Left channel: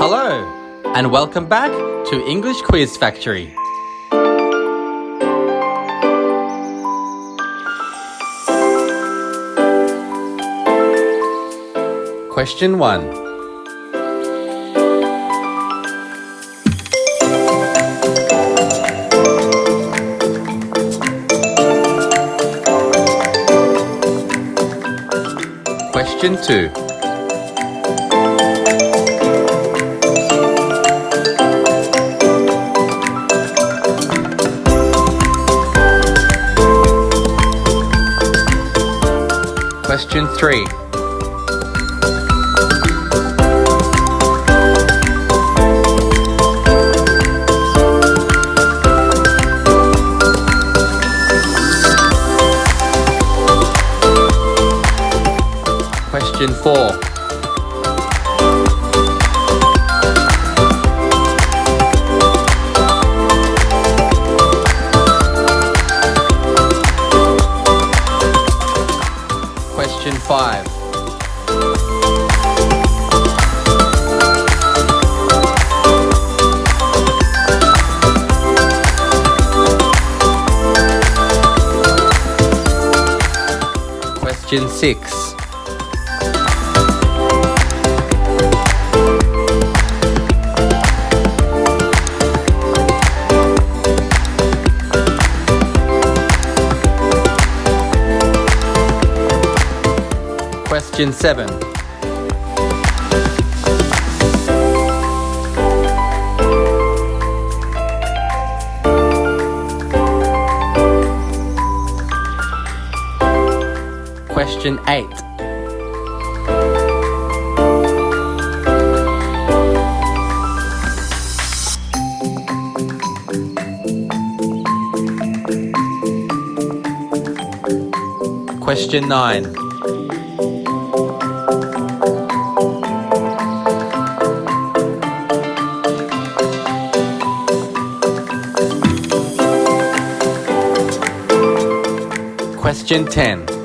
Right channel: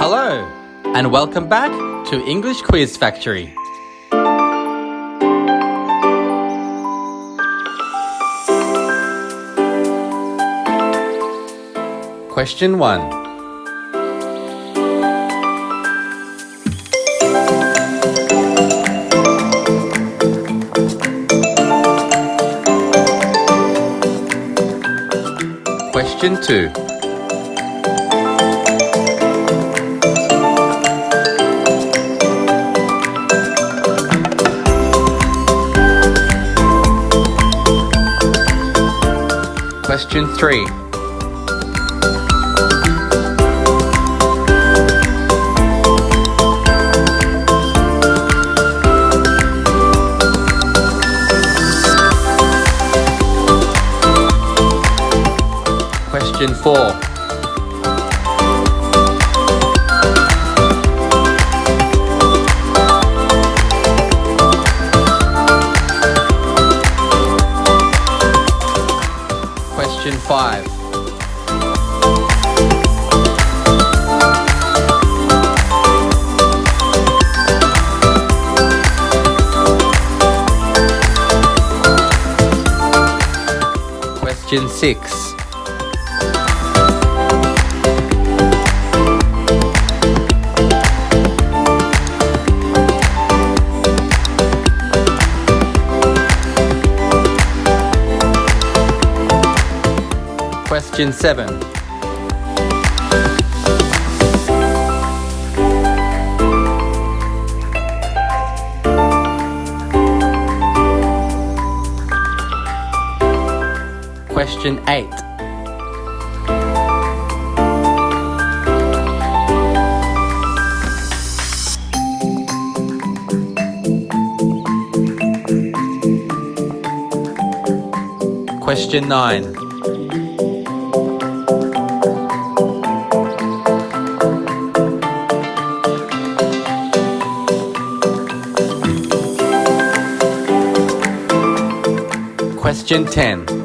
Hello, and welcome back to English Quiz Factory. Question 1. Question 2. Question 3. Question 4. Question 5. Question 6. Question 7. Question 8. Question 9. Question 10.